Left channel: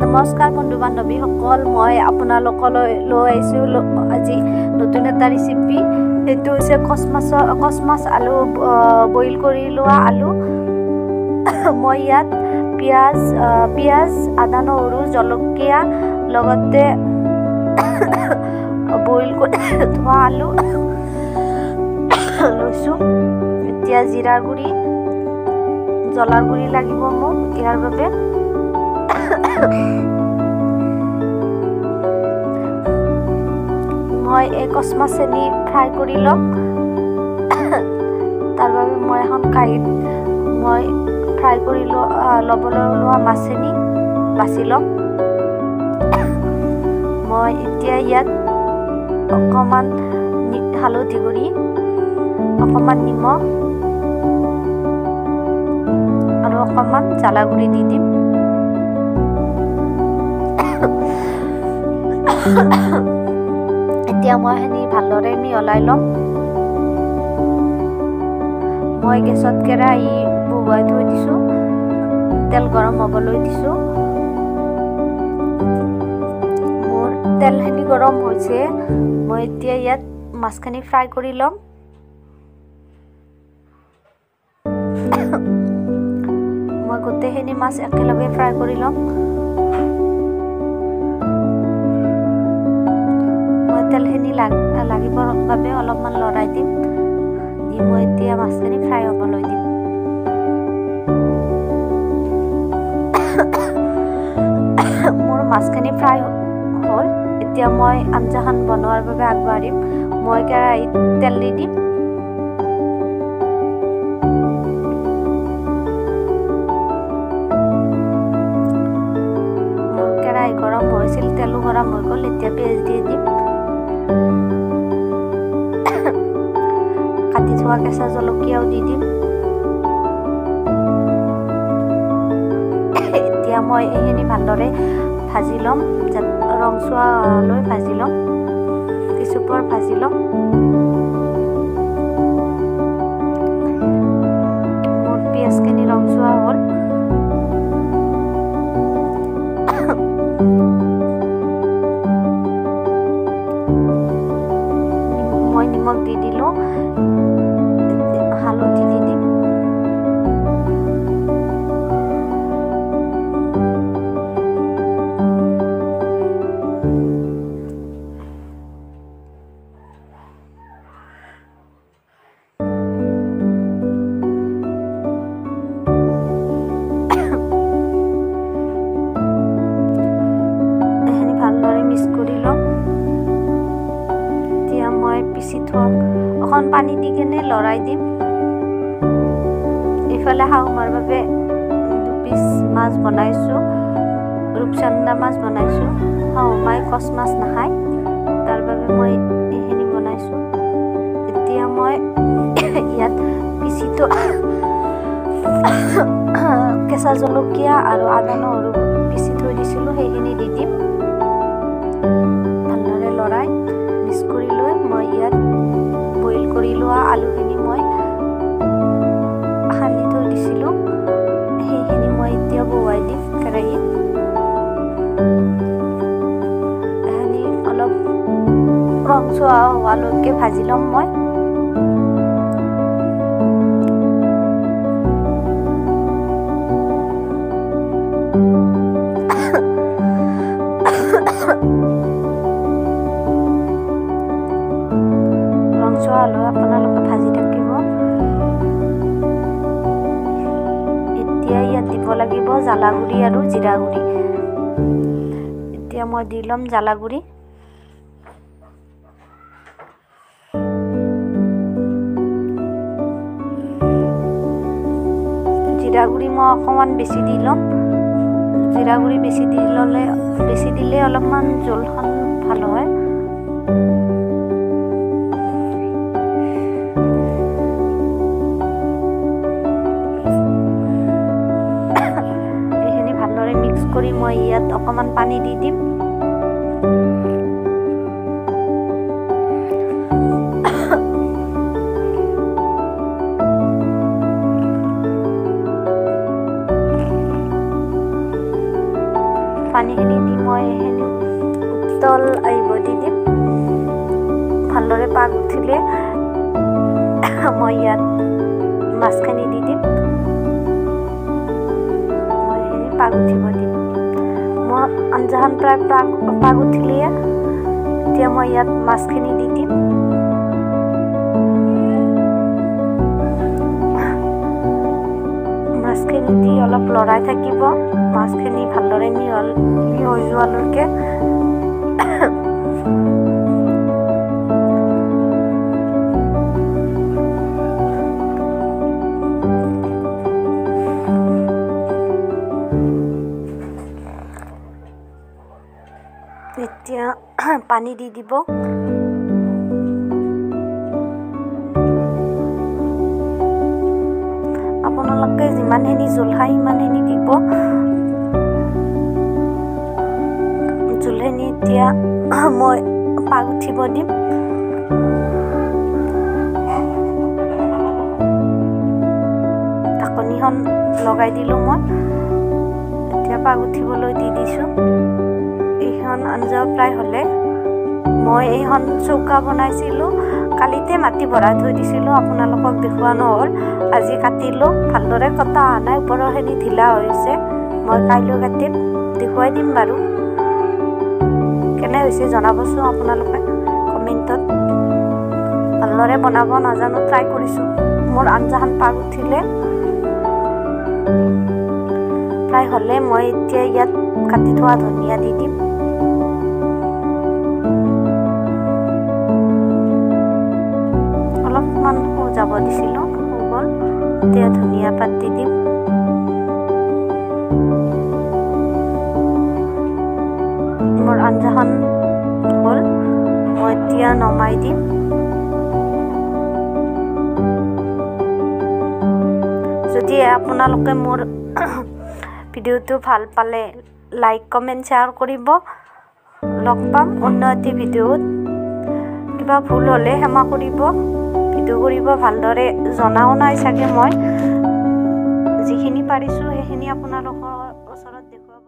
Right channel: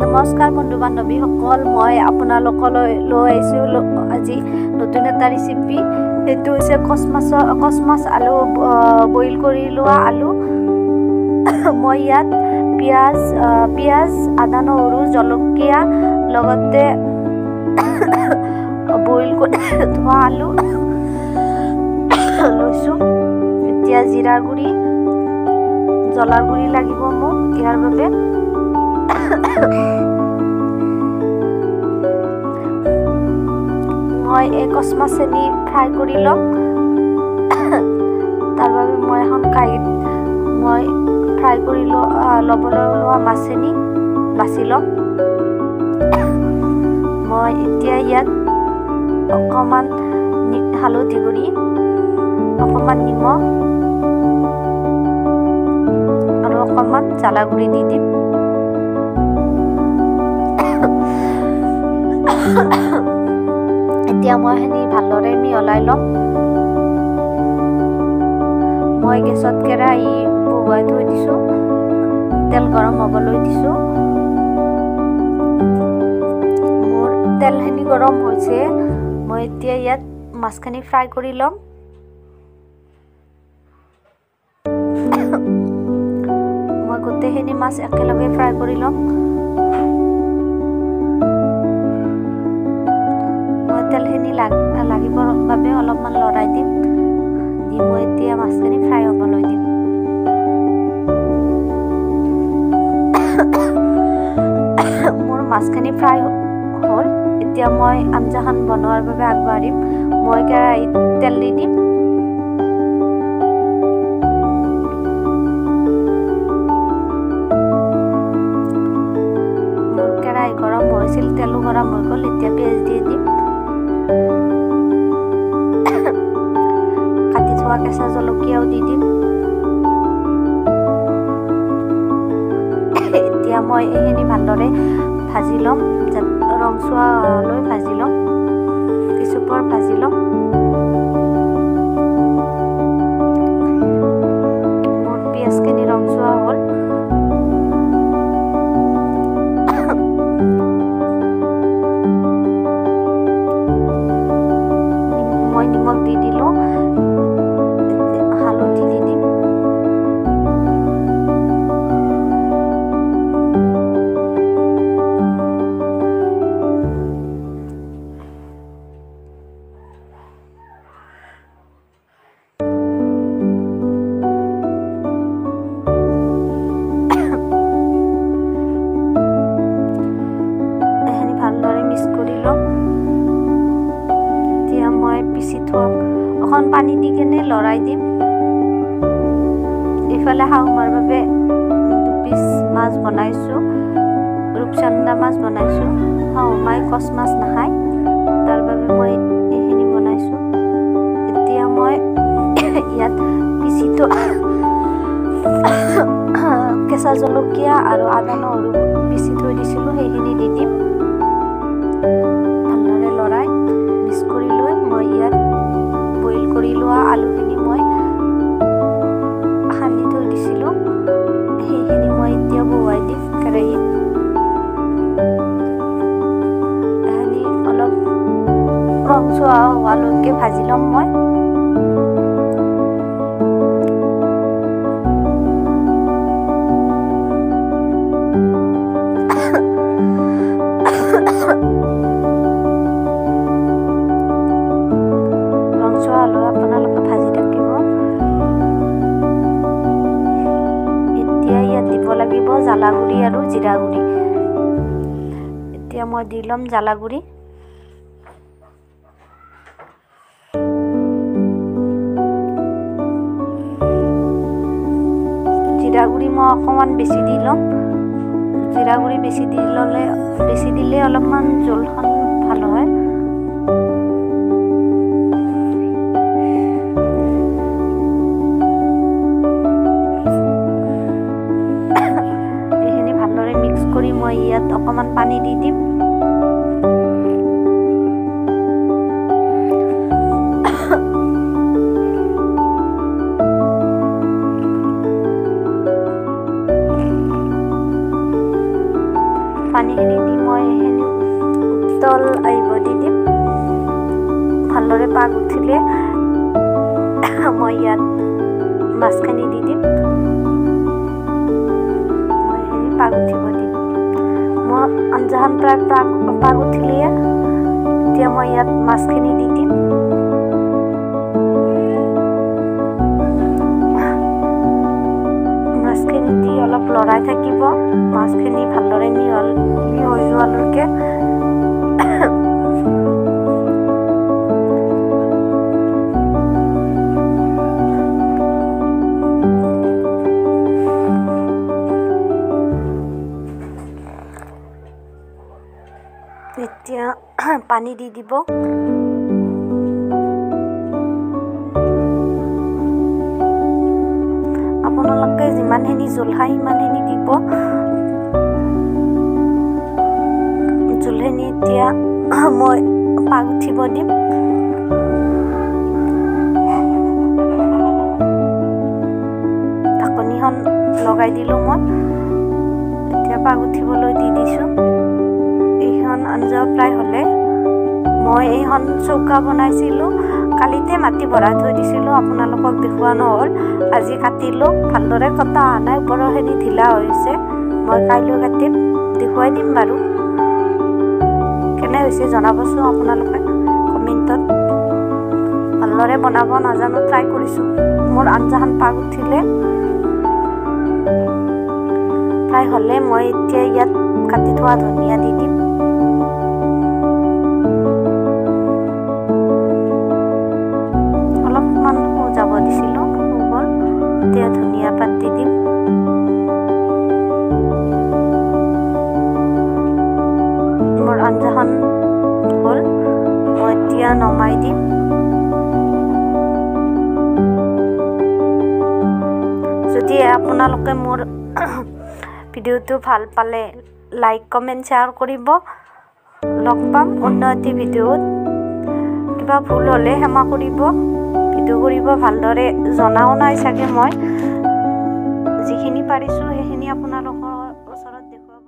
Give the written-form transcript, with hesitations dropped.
নমস্কাৰ বন্ধু বান্ধৱীসকল, মই আপোনালোকলৈ লৈ আহিছোঁ আজি নতুন এটা ৰেচিপি। সেইটো হৈছে কচ মাছ আলু বইল কৰি লোৱা আলু। মই ইয়াত পিঁয়াজ আদা নহৰু জলকীয়া লগতে বইল কৰি থোৱা আলু লৈছোঁ। এতিয়া জিৰাৰ গুড়ি জ্বলাৰ গুড়ি লাগিব মোক ইয়াৰ বাবে। মই এই কচ মাছখিনি ফ্ৰাই কৰি ল'ম। তাৰ বাবে মই এখন কাঁহীত মই ফ্ৰাই কৰি ল'বলৈ লোৱা মাছখিনি বাছি ল'ম। মই এতিয়া ইয়াত অকণমান হালধি গুড়ি, অকণমান নিমখ আৰু অকণমান জ্বালা গুড়ি দি দিম। এতিয়া মই সেইখিনি ভালদৰে মিহলাই ল'ম। মই গেছত কেৰাহী বহুৱাই থৈ দিছোঁ, তেল গৰম হ'বলৈ দিছোঁ। মোৰ তেলখিনি গৰম হৈছে, মই এতিয়া ইয়াত মাছখিনি ফ্ৰাই কৰি ল'ম। মই গোটেইখিনি মাছ একেলগে ফ্ৰাই কৰি ল'ম। মই তেলখিনি লাগিবৰ বাবে অলপমান লৰাই দিম। মই এতিয়া মাছখিনি ফ্ৰাই হ'বলৈ দিম। মোৰ মাছখিনি ফ্ৰাই হ'ল। এতিয়া মই আঞ্জাখন বনোৱাৰ বাবে আগবাঢ়িম। মই কেৰাহীত তেল দি দিম। মোৰ কেৰাহী গৰম হৈছিল, তেলো গৰম হৈ গ'ল। এতিয়া পিঁয়াজ দি দিম। কাটি থোৱা কেঁচা জলকীয়াও দি দিম। এতিয়া মই এইখিনি ভালদৰে ভাজি ল'ম, ৰংচুৱালৈ ভাজি ল'ম, কিছুপৰ ভাজি ল'ম। মোৰ পিঁয়াজখিনি ৰংচুৱা হ'ল। মই নিমখ দি দিলোঁ, হালধি দি দিম। এইখিনি ভালদৰে মিক্স কৰি ল'ম। এতিয়া মই পিচি থম, অকণ পানী দি কেনে লৰাই দিম। এইফালে শাহুমাৰ বাবে 2 পিচ মাছ বনাইছোঁ, ৰূপচন্দা মাছ বনাইছোঁ। শাহুমাই কচ মাছ নাখায়, তাৰ বাবে মই এইখিনি বনাইছোঁ। এতিয়া মই ইয়াত পিচি কেঁচা জলকীয়া আৰু আদা নহৰু পিচি থৈ দিছিলোঁ, সেইখিনি দি দিম। ভালদৰে লৰাই মিক্স কৰি লৈ মই ইয়াত বইল কৰি লোৱা আলুখিনি মই সানি থৈ দিছিলোঁ, সেইখিনি মই এতিয়া বহুৱাই দিম কেৰাহীত। এইখিনি অলপ ৰংচুৱা হোৱালৈকে ভাজি ল'ম মই। ৰংচুৱা হ'লেও আপোনালোকে ভাজি থাকিব। এতিয়া ইয়াত দিব লাগিব জ্বালা গুড়ি আৰু জিৰা গুড়ি। এতিয়া মই দি ল'ম জ্বালা গুড়ি। জিৰা গুড়ি মই অকণমান বেছি দি ল'ম। জিৰা গুড়ি বেছি দিলে অলপমান জোলখন ভাল হয়। এইখিনি ভালদৰে মিক্স কৰি মই ইয়াত অকণমান পানী দি দিম। পানীখিনি দি মই এইখিনি উতল আহিব দি দিম। ভালদৰে পাক উঠিলে মই ইয়াত মাছখিনি দি দিম। মই এইখিনি পাক উঠিব দিম। মোৰ আঞ্জাখন প্ৰায় পাক উঠিলে এতিয়া মই ইয়াত মাছখিনি দি দিম। মাছখিনি দি অলপ লৰাই থাকিব। মাছখিনি ভালদৰে মিহলি হৈ যোৱালৈকে। এতিয়া পানী দি দিব। আপোনালোকে যিমানখিনি জোল খায় সিমানখিনি দিব। জোলখিনি এতিয়া মই পাক উঠিব দিম। ঢাকনিখন লগাই দিলোঁ মই। এতিয়া পাক উঠিবলৈ দি দিছোঁ। এইখন আঞ্জা প্ৰায় হ'লে মই এইখন চৌকা বনাইছিলোঁ। কালিতে মাটি ভৰাই থৈ দিছিলোঁ, আপোনালোকক দেখুওৱা নহ'ল। আজি কাটিলোঁ, ভালদৰে কটা অহা নাই, ওপৰৰখিনি ঢিলা হৈছে। মই কাইলৈ কাটিম, দেখুৱাই দিম বাৰু। কেনে হৈছে জনাবচোন আপোনালোকে কমেণ্টত। ভালদৰে বনাব নাজানো, ট্ৰাই কৰিছোঁ। মোৰ আঞ্জাখন পাক উঠিলে প্ৰায় হ'লে মই এতিয়া ইয়াত কাটি থোৱা ধনিয়া দি দিম। অলপমান যাব দিছিলোঁ, হৈ গ'ল। এতিয়া ধনিয়া পাত দি দিম। মোৰ আঞ্জাখন হ'ল, মই এতিয়া নমাই দিম। যদি আপোনালোকে মোৰ ভিডিঅ'টো ভাল পালে লাইক কমেণ্ট শ্বেয়াৰ কৰিব। লগ পাম অন্য এটি ভিডিঅ'ত। কিবা ভুল হ'লে ক্ষমা কৰিব। ভিডিঅ' কৰিব ভালদৰে জনাও নাই চাগে। মই যিখিনি পাৰিছোঁ সেইখিনি আপোনালোকৰ ওচৰত দেখুৱাব